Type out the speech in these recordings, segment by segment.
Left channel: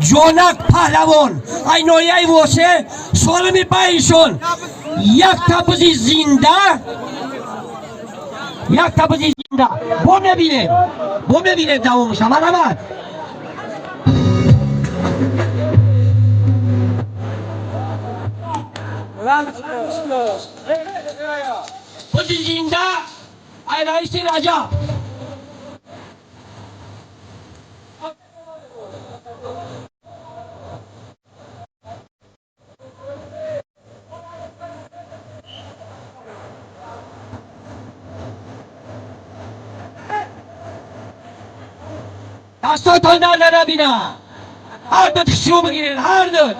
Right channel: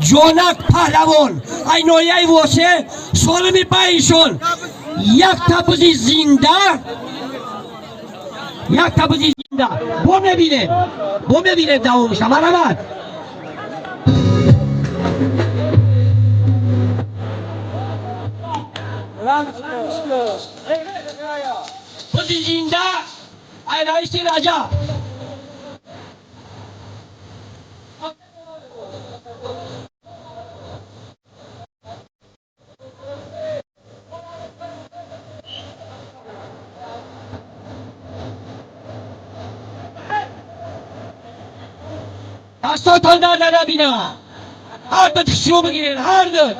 جونک پهلوان ای نویه واسه سالمی پایشون یک تبوزی زنده بو ببینه دوامش همه رمد بوزی زنده ای رئیس رجب دستاتان در نبینه هر دو تشو بگیرین هر دو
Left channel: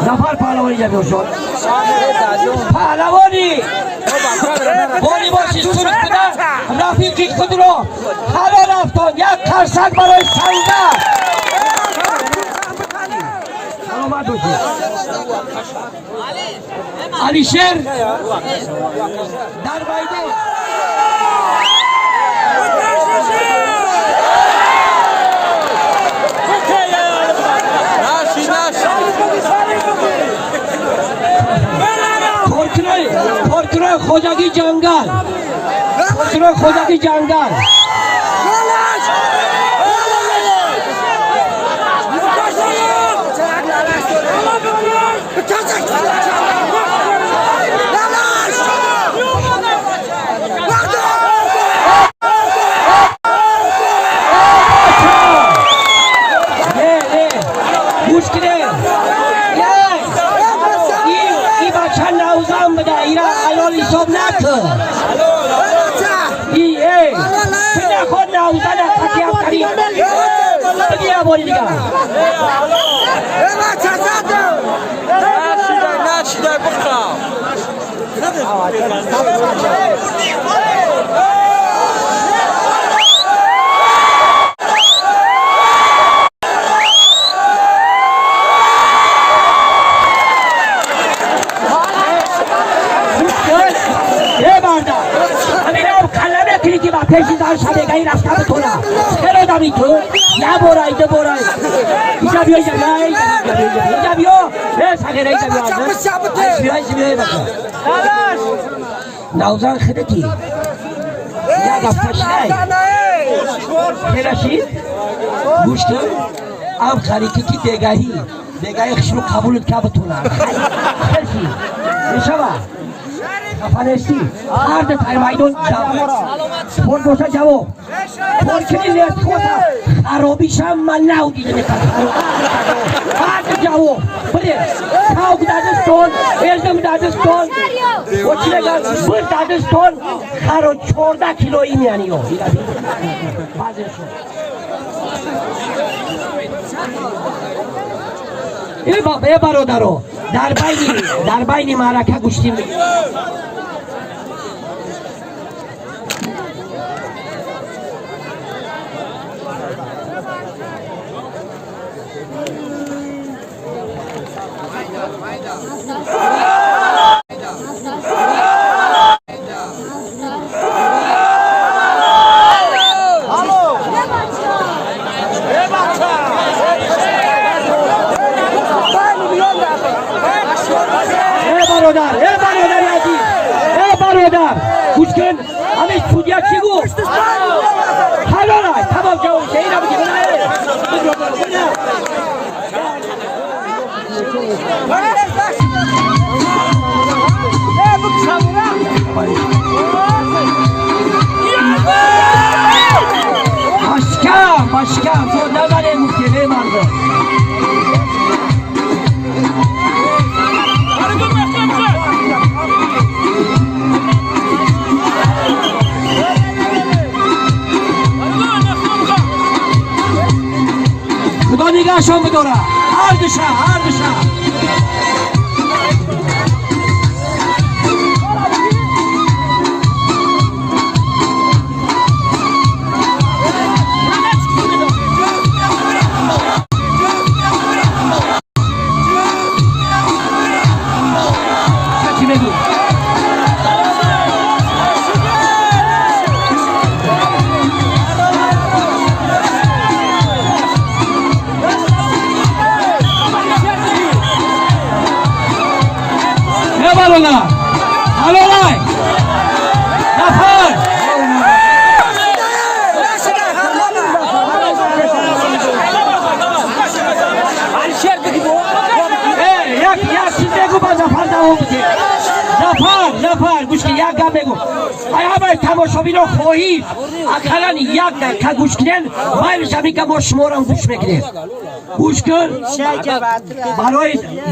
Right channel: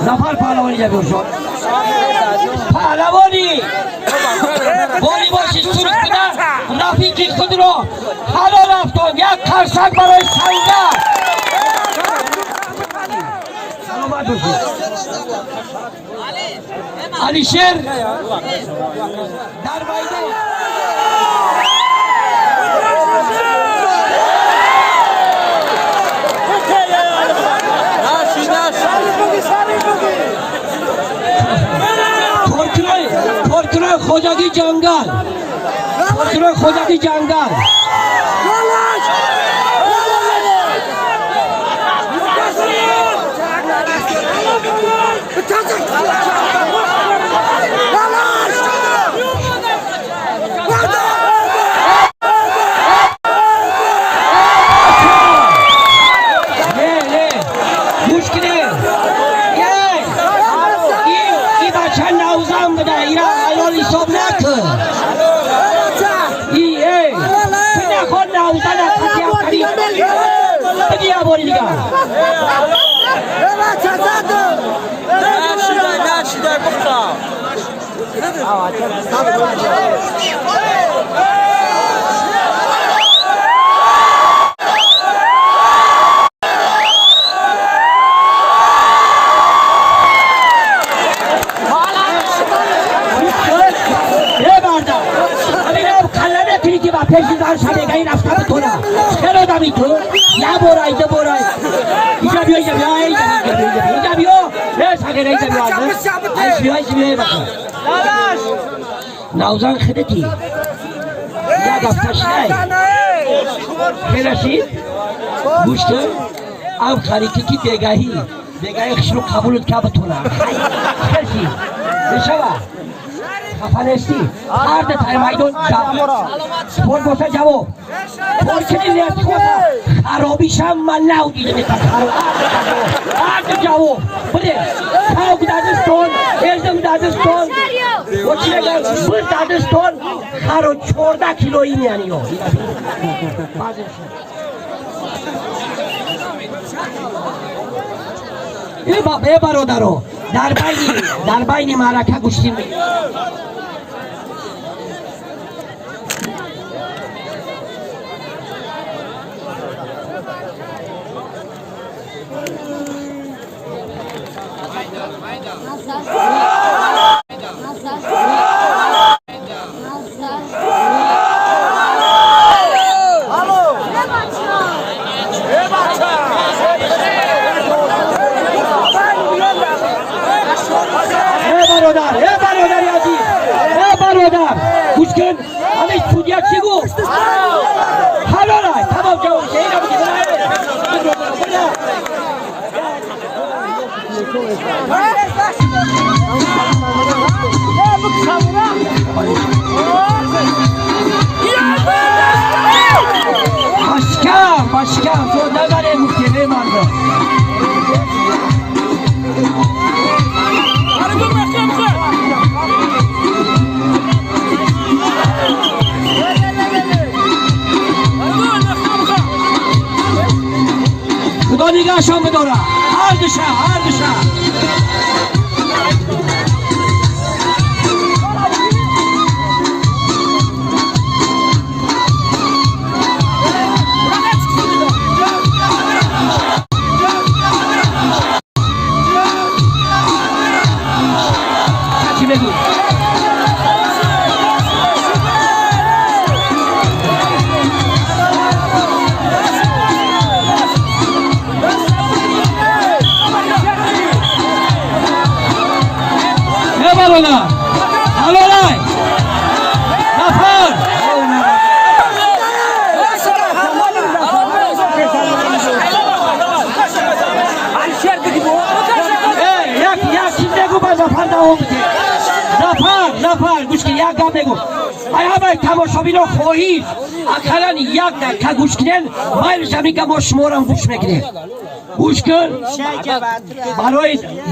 زفر پهلوانی جا بیوشون پهلوانی باری باشی سرک بده رفیقی خود رو حالا رفتان یک خرسک برای سنگه سلامت باشید علی شیر در بایده کنترل خوجاگی جنگل نوزان خدتی یا دفتش نای خیرشید گوش کن ام خریتی کی بگاهی خشنو قبولت که بتونه خیرشید بشوه خفنستی هر ده تای مایدون فون بوسا جواب فون کنی لیت خوزا خرابیشم من نو دیده میکن هر ده جواب بده تاوک دادستون ازم دادستون و چی نگل بر دادستون خرو 14 کیلویی میانی یو ای برادرو در بین معرکه گوشتیم گوش کن همه سودیا چی گفت حالا نه تمام جواب شهیده بگید مشکم تو نبره نشون بداره هر دشه چی بگی؟ Balona! Balona! Zafer! Jak innego ma Zafer na łomcie! Zafer! Góż ki jak gadnego! A ja mam tamosowino choisz! A kalani jak ne? Ka góż knen? Bayr zamika mo shmoran góż mekne! گوش کن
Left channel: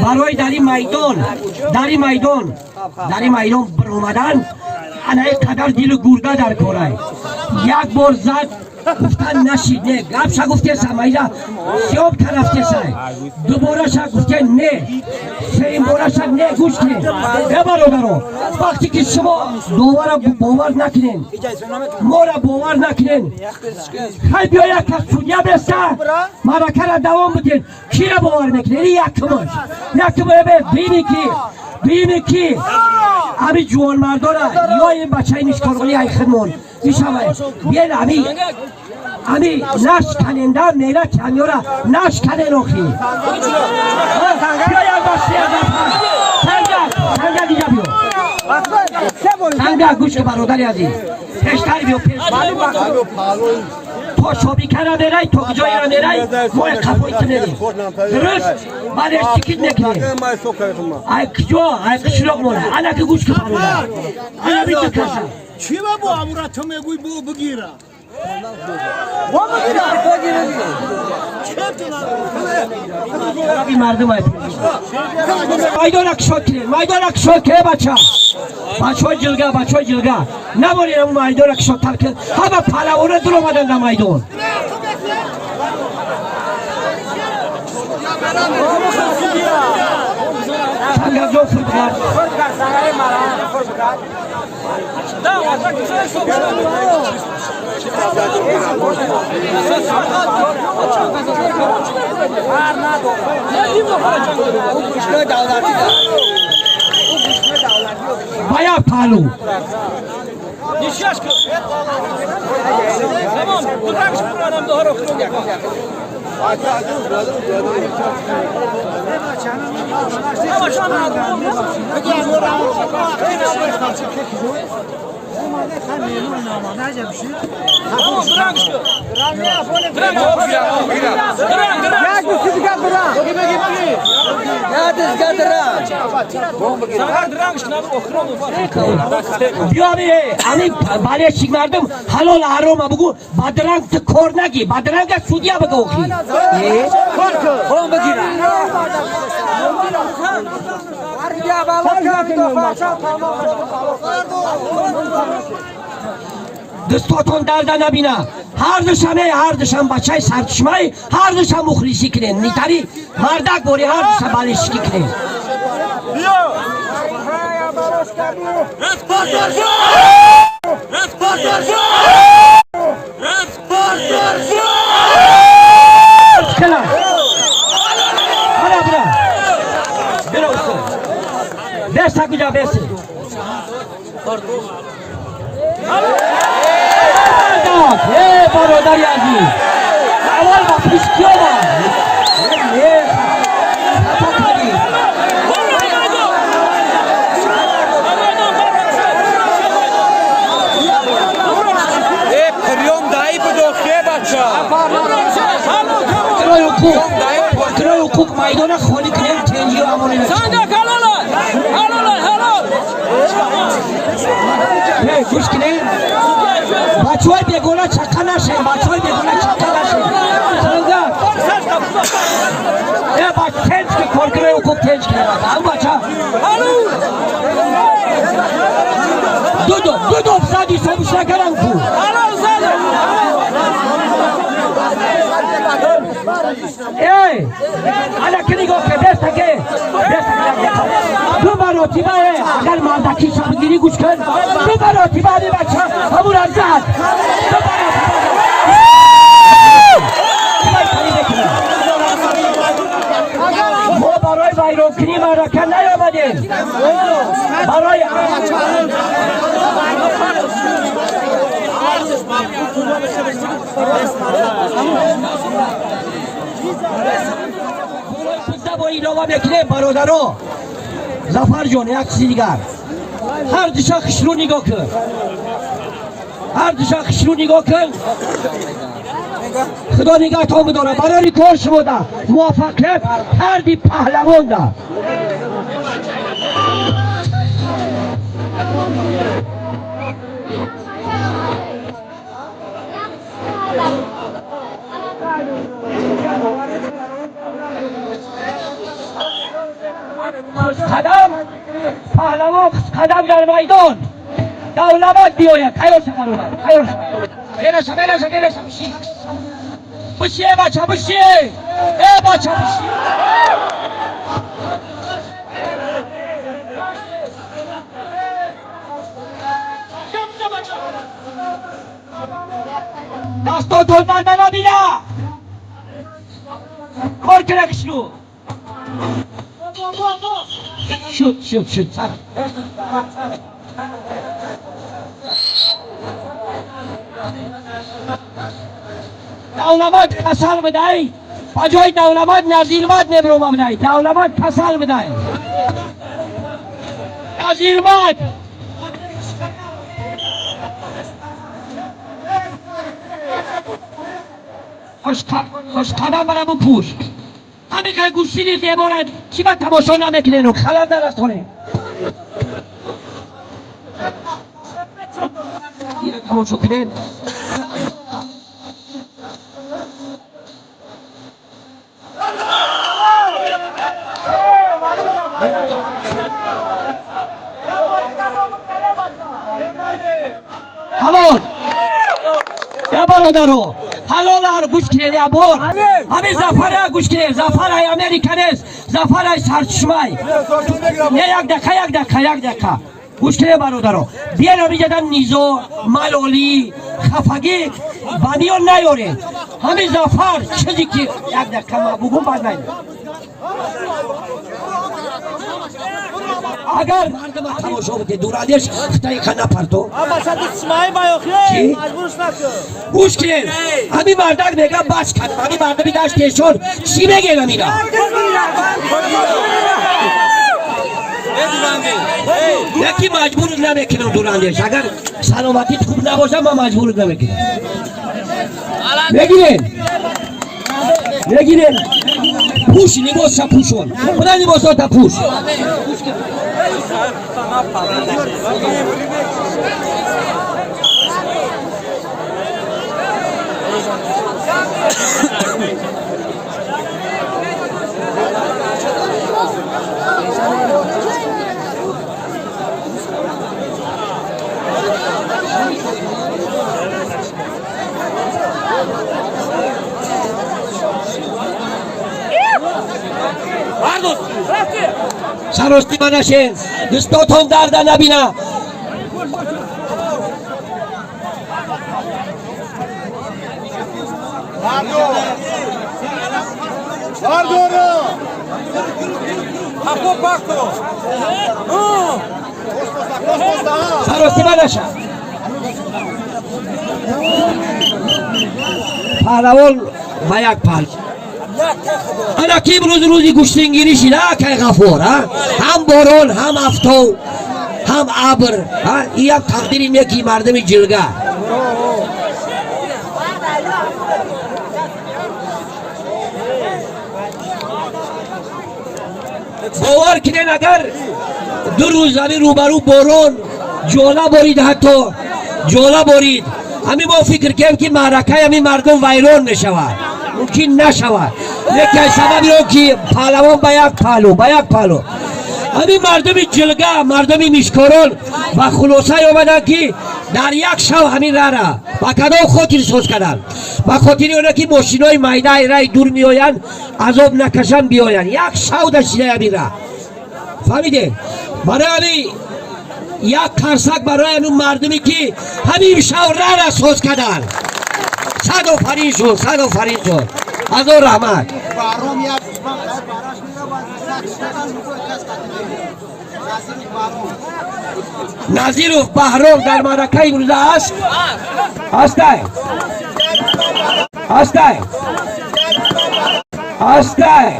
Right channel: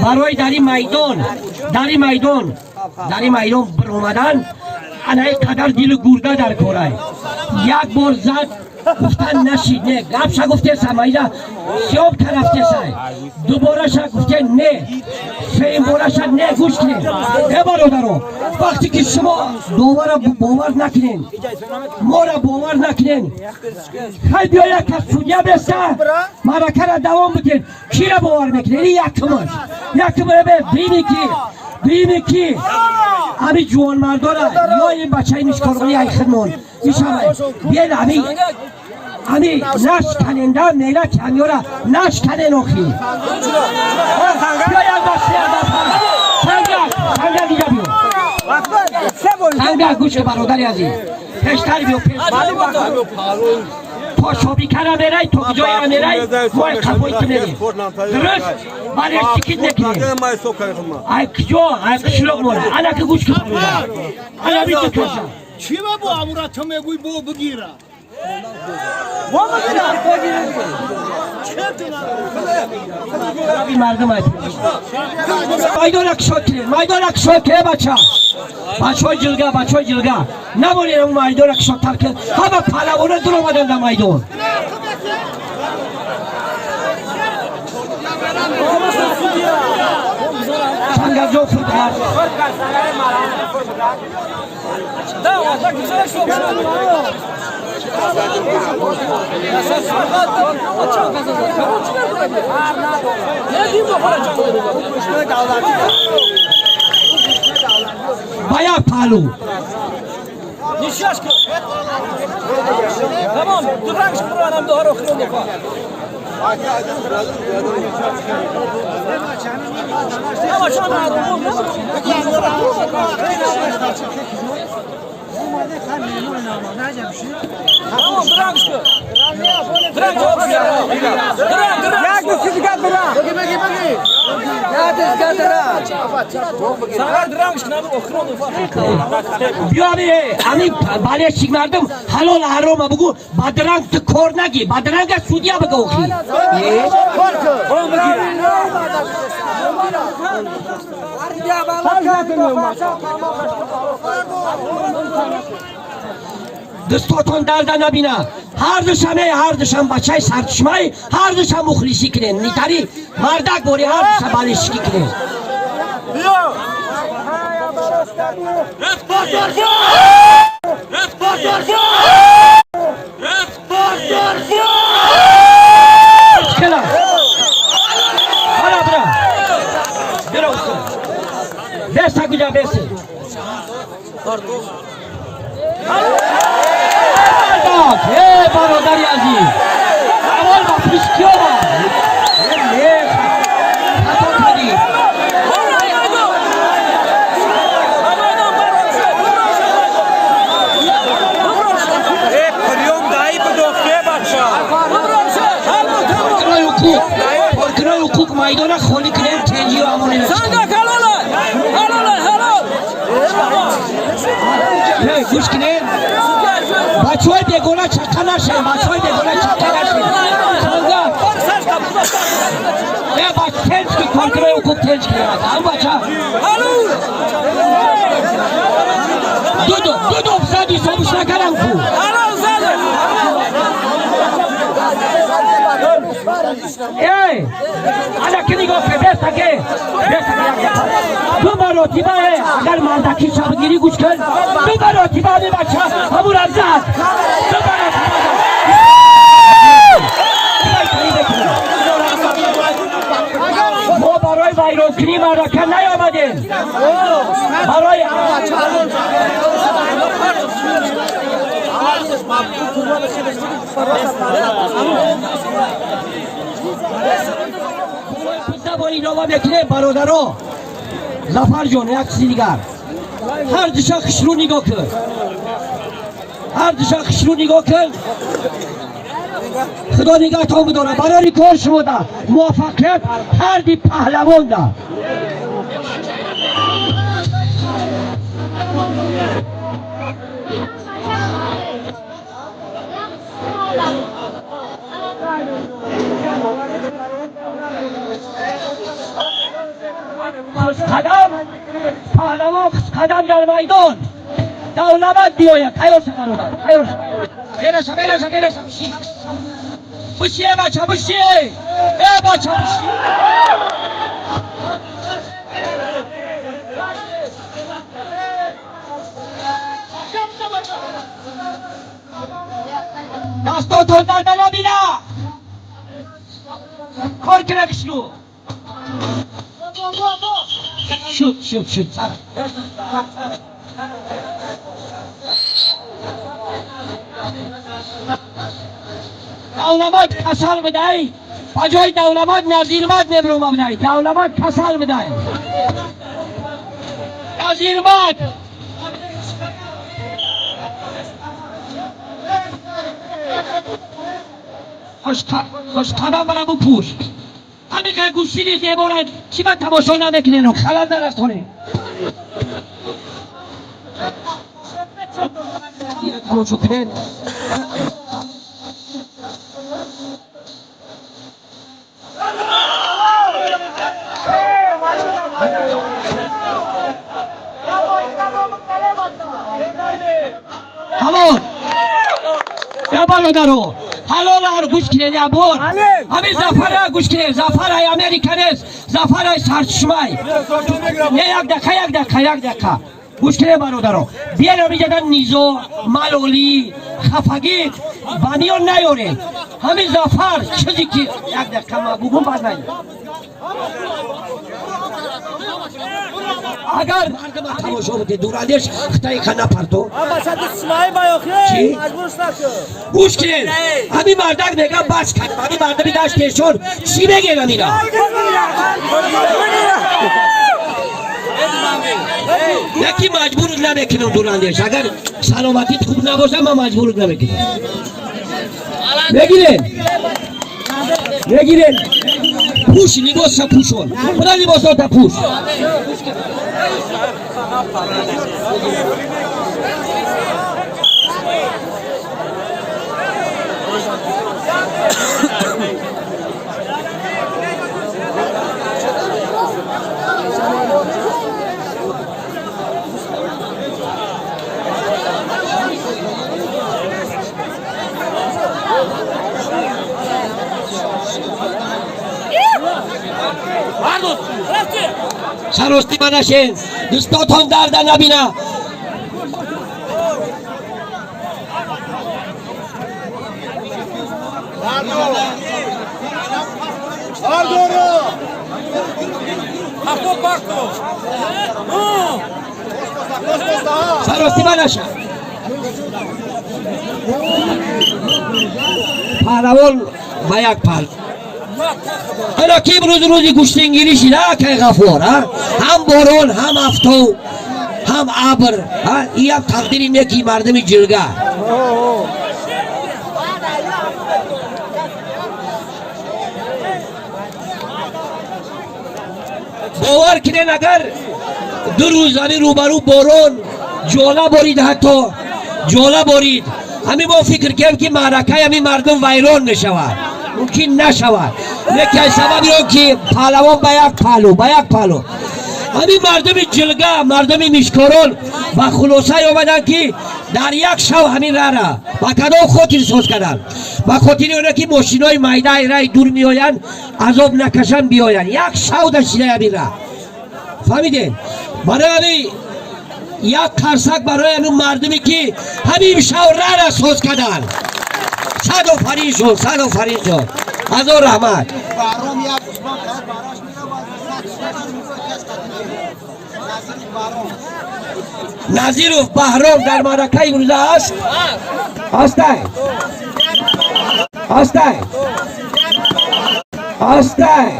برای داری میدان بر اومدن انا قدر دیل گورده در کاره یک بار زد گفتن نشید نه گپشا گفته سمایده سیاب طرفته سای دوباره شا گفته نه سیم باره شا نه گوش کنین برادرو وقتی که شما دوباره باور نکنین ما را باور نکنین خیلی بیا یک از سودیا بسته مرکه را دوام بودین کی را باور میکنین یکمش بینی کی ابی جوان مرداره یا این بچه این اشکارونی های خدمون میشمه بیل ابی نش کننده میره کنیورا نش کنن اوخی بیا یک بسته سنگا دیگه بیو سنگا گوش که برادری ازی پیشتری بیو تو شبی کنه میره تو کجایی رو میره ما خفایی کنه درست من استیکید نکنه ای کشلوک مونه انا که گوش که برادر انا بیتو کشم چی با امورا تو میگوی بو بگیره این مردم هست مایدان اکشاد که بچه های جلگه نبارین اون مایدان اکشاد ترکه همه پلوانه دل آمدن در مایدان سنگرزو خودکار بایا پالو بیاری امی بالی چیک مردم حلال حرام بگو بدرنگ تو کار نگی بدرنگ سودیا بگو خی دستاتون درد نبینه هر دشم بچه سرچشمه هر دشم مخلصی کنین نیتاری مردک باری هر دشم بالشکی کنین بیسته کجا بیسته برادری عزیز اول با پیشکیو پرکرای حقوق مایدان خالی کنیم تنجی و امانی نشتیم گوش کنیم بچه های بیگونه چکه نشیم بچه تنج که پرکرای حقوق تنج کنیم هم بچه دو افزادی سابش نکرم کو ای حالا که نگاه که دست تکه دو مراتبه اگر مالدکی شبگیری گوش کن دو مراتبه همی بچه همون هم زد دو مراتبه ما برای ویرانکنی معرکه نیامدیم برای با این آقا بکنه برادرها زفر جان یک چیزی دیگر هر دشا خشرو نگاه کن هر دشا خشرو نگاه کن خدا نگاه تا بداره برای کار شما ده موفقیت هر دی پهلوان ده قدم پهلوان قدم در میدان دولت بیاید خیال شکر خیال بیرش بشیه بچه بشیه ای بچه بشیه دستاتون در نبینه کار کرکش رو شد سر دولمت کسل بدهی بجای دولمت نزیرمت نبروم بدهی دولمت کسل بدهی نزیرمت خوش قدم برم و پوش همین که گوشتی نیست یه بارد چی من تماشا نمیکنه رو خلال در از خونه یه تماشا کنه همون یا برادرو حلال هر گوش کنه یا بار همین زفر ها گوش کنه زفر های امریکن است زفر های سرچشمه یک دقیقه گوش کنه برادرو بیان رو جدن نیزو ملالی خفگی بانیان نیاره همین زفر چیزی که یک دقیقه ما بگم باز نید اگر مردم تماشا بده دورادش خطای خنده پرتو چی؟ گوش کنید همین مردک بگم بس کنم همین مردمی داشتشون چی بگه نمیرا یکی مجبورت نمیکنم دورادش اگر سلامتیت خوب نباشه من مجبورت نمیکنم بگیرین پوش لباس پوشون خدا لباسات پوش سراستی منشین دستاتون درد نبینه سراستی منشین پهلوان با یک پل حالا کی روزی گوشتنگیری شده که غفور هم باران هم افتو هم ابر این یک تقدیری میگی مردم جلگه باور کنین اگر دو روزانی روبرو باران جولا بارید حتی جولا بارید همین ما فکر کنیم که معرکه همین مردم ویران نشود ممکن نشود لیکن سبب رو که پهلوان با یک پالو همین مردم جلگه مردم میشکاران و خلاصه آمدن که در یک شب همین را با کدام خاطر سوز کردن با خاطر اونه که ماشینای میده رای دور میآین عذاب نکشن بیاین یک شب داشته همین را فهمیدین برای همین یک قرصک برای اون مردمی که همین شب را سوز کردن صد و فرین شد صد و فرین شد از اون رحمت نظیر و بهرام در معرکه امروز است هسته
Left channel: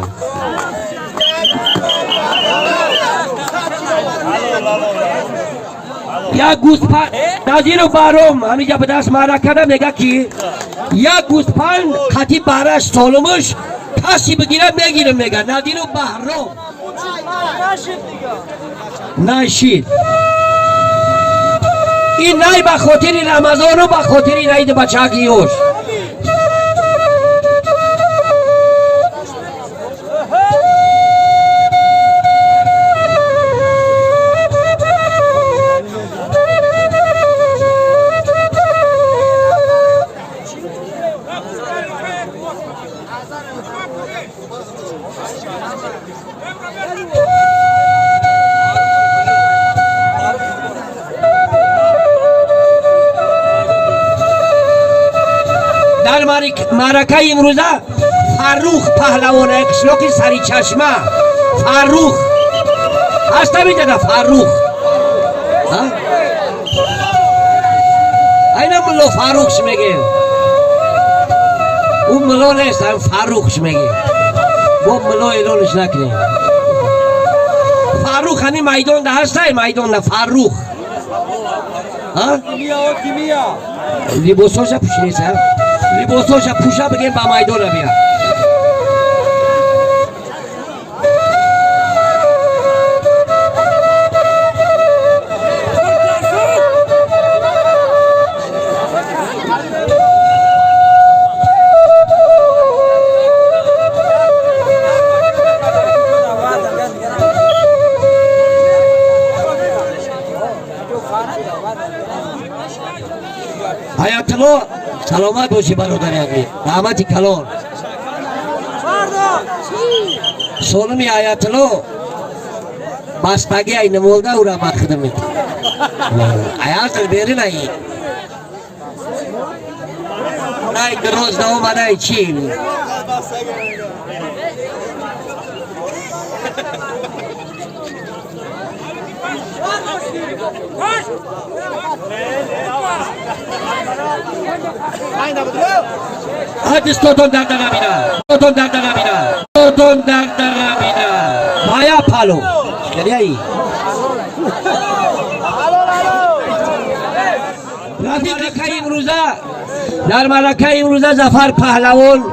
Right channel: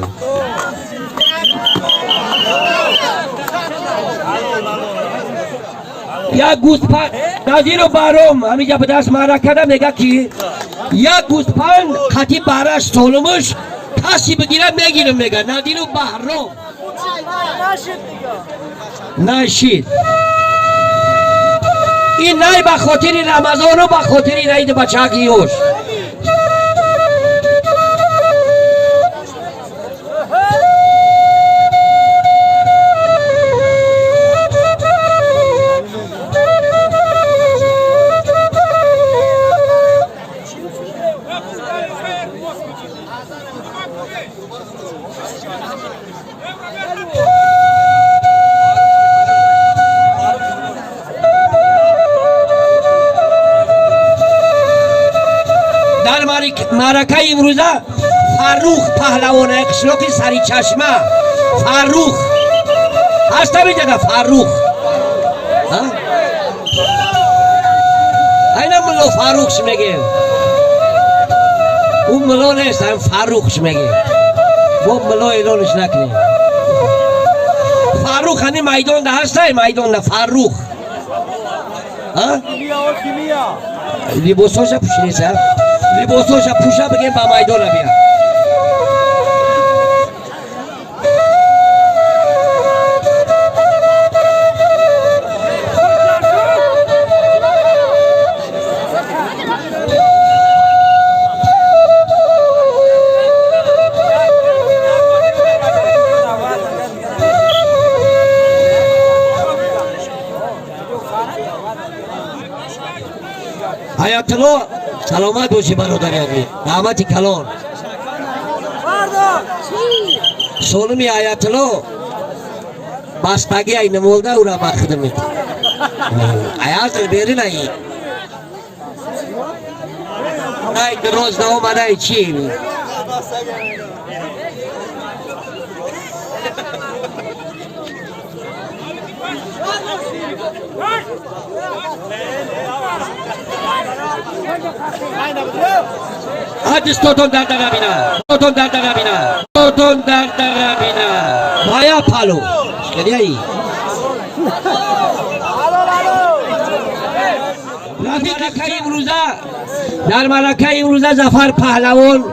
یک گوسپند نظیر و بهرام همینجا به دست معرکه ده میگه که یک گوسپند خطی برش سالمش کسی بگیره میگیره میگه نظیر و بهرام نشید این نای به خاطر رمضان و به خاطر عید بچگیوش معرکه امروزه فروخ پهلوان اکشلاقی سری چشمه فروخ هست نمیده فروخ اینه ملا فروخش میگه اون ملا نیست هم فروخش میگه با ملا اعلانش نکنه فروخ هنی میدان ده هسته میدان ده فروخ لباسوش پوشیده لباسوش پوشه بگیم با میدان بیا حیاتلو سلامت باشی برادر رحمتی کلان سالمی حیاتلو بستگی ای نمولده او را مخدم میکنه حیات بیری نایی نای دروز نه اومده چی Hadi stotun derde kabine. Stotun derde kabine. Stotun derde kabine. Maya palo. Geliyor iyi. معرکه امروزه در معرکه امروزه ظفر پهلوان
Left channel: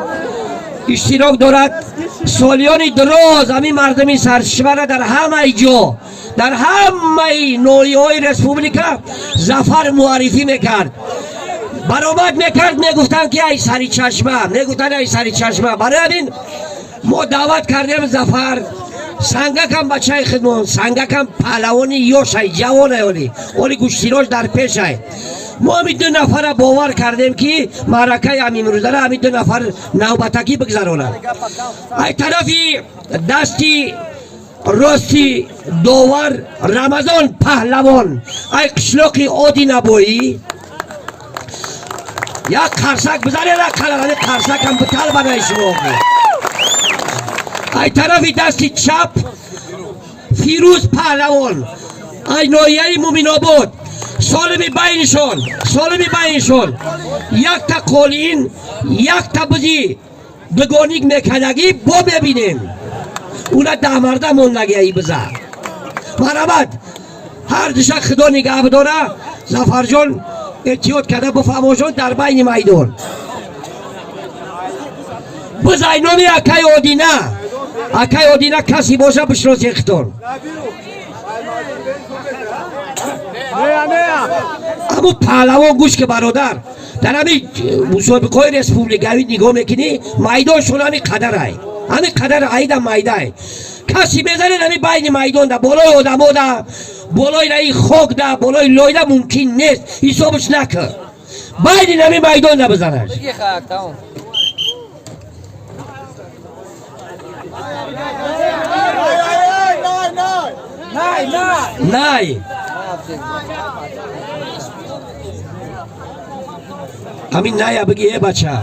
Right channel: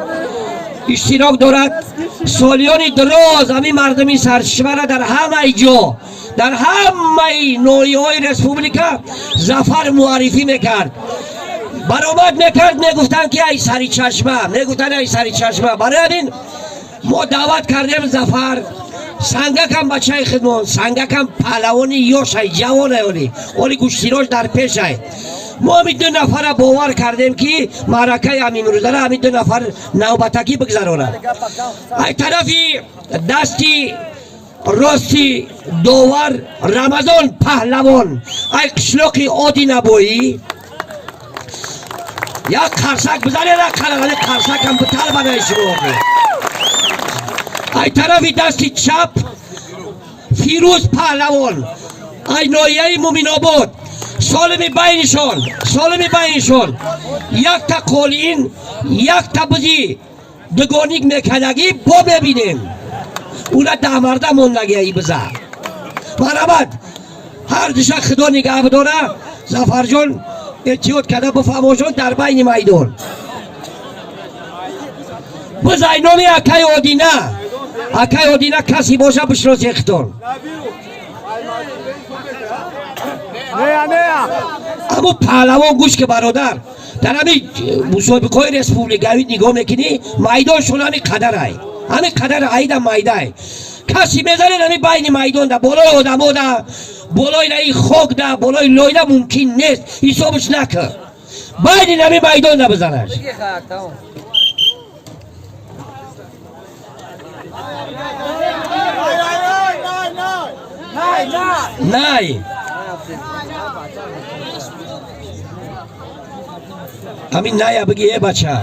اشتراک دارد سالیان دراز همین مردمی سرشور در همه جا در همه نوعی‌های رسپوبلیکا ظفر معرفی میکرد برآمد میکرد میگفتن که ای سری چشمه میگفتن ای سری چشمه برای همین ما دعوت کردیم ظفر سنگک هم بچه خدمون سنگک هم پهلوانی یوش های جوانه ولی گوشتیراش در پیش های ما همین دو نفر باور کردیم که معرکه همین روزه را همین دو نفر نوبتکی بگذرونه ای طرفی دستی راستی داور رمضان پهلوان ای قشلاقی آدی نبایی یک قرصک بزنی یک کلمه قرصک هم بطل بنای شما ای طرفی دستی چپ فیروز پهلوان ای نایه مومین آباد سالمی بینشون یک تا قولین یک تا بزی دگانیک میکنگی با ببینیم اونا ده مرده موندگی ای بزه مرحبت هر دشک خدا نگه بداره ظفر جان اتیاد کرده بفهموشان در بین میدان بزای نامی اکای آدینه کسی باشه بشناسی اختار اما پهلوان گوش که برادر در همین مسابقه رسپوبلیکایی نگاه میکنی میدانشون همین قدر های همین قدر عید هم میده های کسی میزنید همین بین میدان در بالای آدم ها در بالای نهی خوک ده بالای لایده ممکن نیست حسابش نکن باید این همه میدان نبزنش نه همین نه بگی ای بچه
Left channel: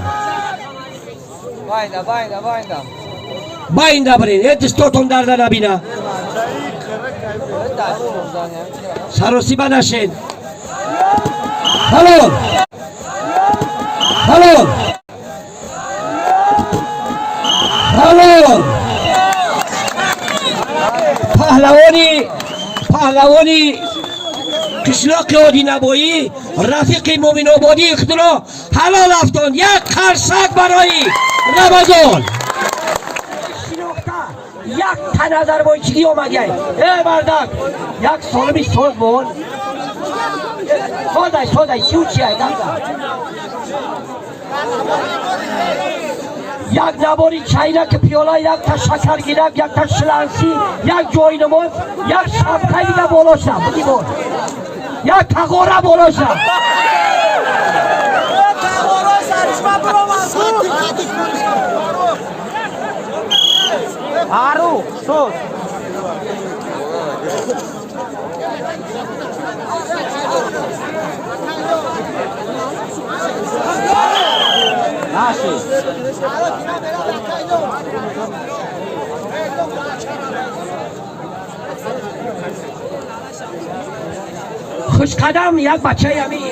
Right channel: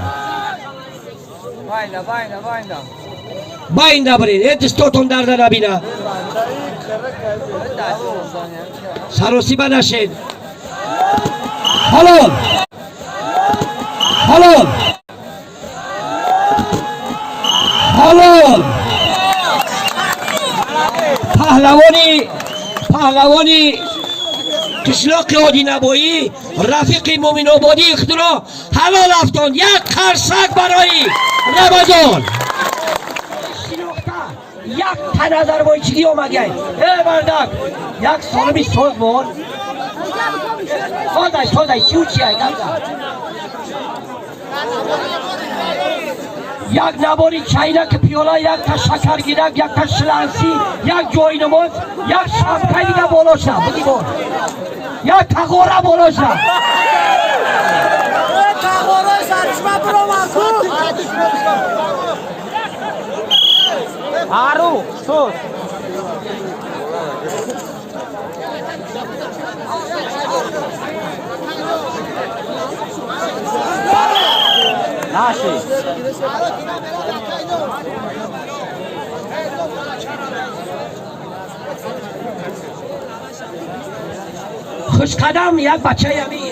باینده برین دستاتون درده نبینه سروسیبه نشین حلال حلال حلال پهلوانی قشلاق عادی نبایی رفیق مومن آبادی اختراع حلال افتان یک قرصک برای رمضان یک تن آذربایجانی آمده ای بردک یک سالمی ساز بون سازای چیو چیه یک نباری چینک پیالا یک تا شکر گیرک یک تا شلنسی یک جای نماز یک شمکه دیگه بالاش نه بگی بار یک تقاره بالاش نه Aru, sus. Nasi. خوش قدم یک بچه همی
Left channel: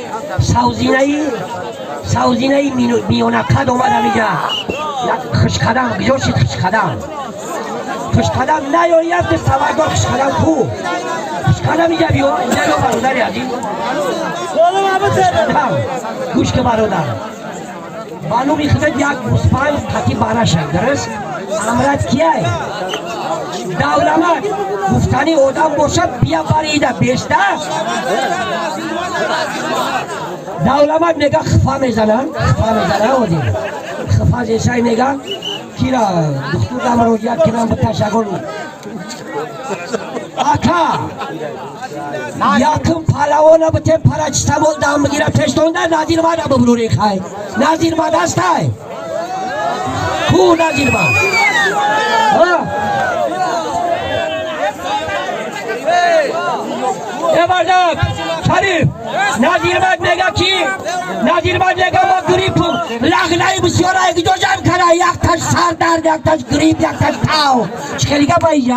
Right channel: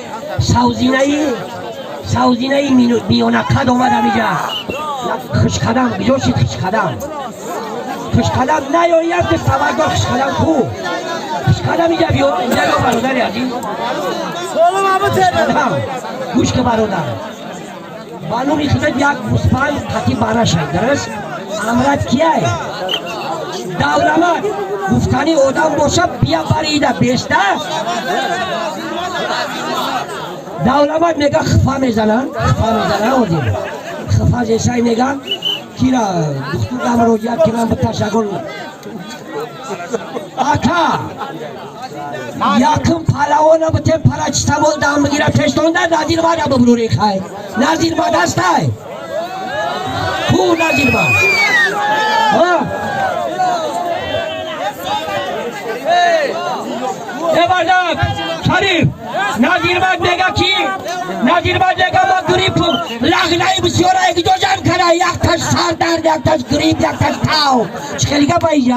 سوزینه میونکد آمد همیجا یک خوش قدم بجاشید خوش قدم خوش قدم نه یا یک دست تبرگاه خوش قدم خوب خوش قدم اینجا بیا اینجا برادری هستیم خوش قدم گوش که برادر بانو میخواد یک گوسفند قطعی بانه شد درست امرت کیه دولمت گفتنی آدم باشه بیا فریده بیشتر دولمت نگاه خفا میزنن خفا جیسای نگاه کیرا دختو دم رو یاد کیرا به تشکر آکا یکم پهلوانا به تیم پرچتمول دم بگیره تشتونده نظیر باید ببروری خواهی نظیر باید هسته کو نظیر باید یه بردم شریف نظیر باید نگه کی نظیر باید نگه ما گریب لغنه بسیار ایک دو جمع کنه یک تاش سر درد یک تاش گریب یک تاش تاو چکلیگه باید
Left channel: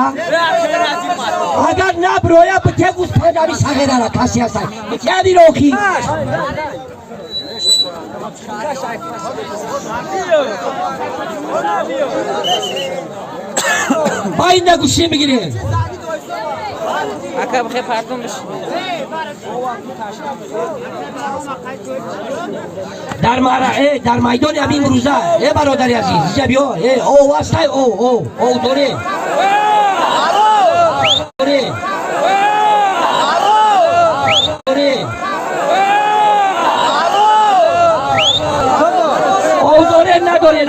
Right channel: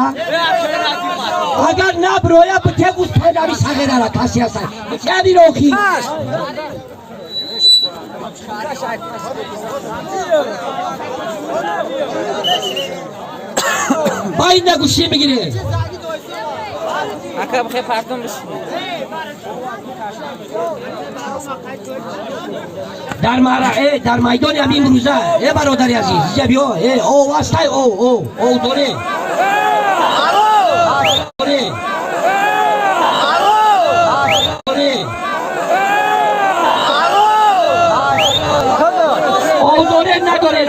اگر نبرویا به ته گوست پای نبی سگه داره کسی هستن یادی روکی باید نگوشی بگیری Akab khe pardon bishim. در میدان همین روزه برادری عزیز اینجا بیا او واسطه او دوره او دوره نداره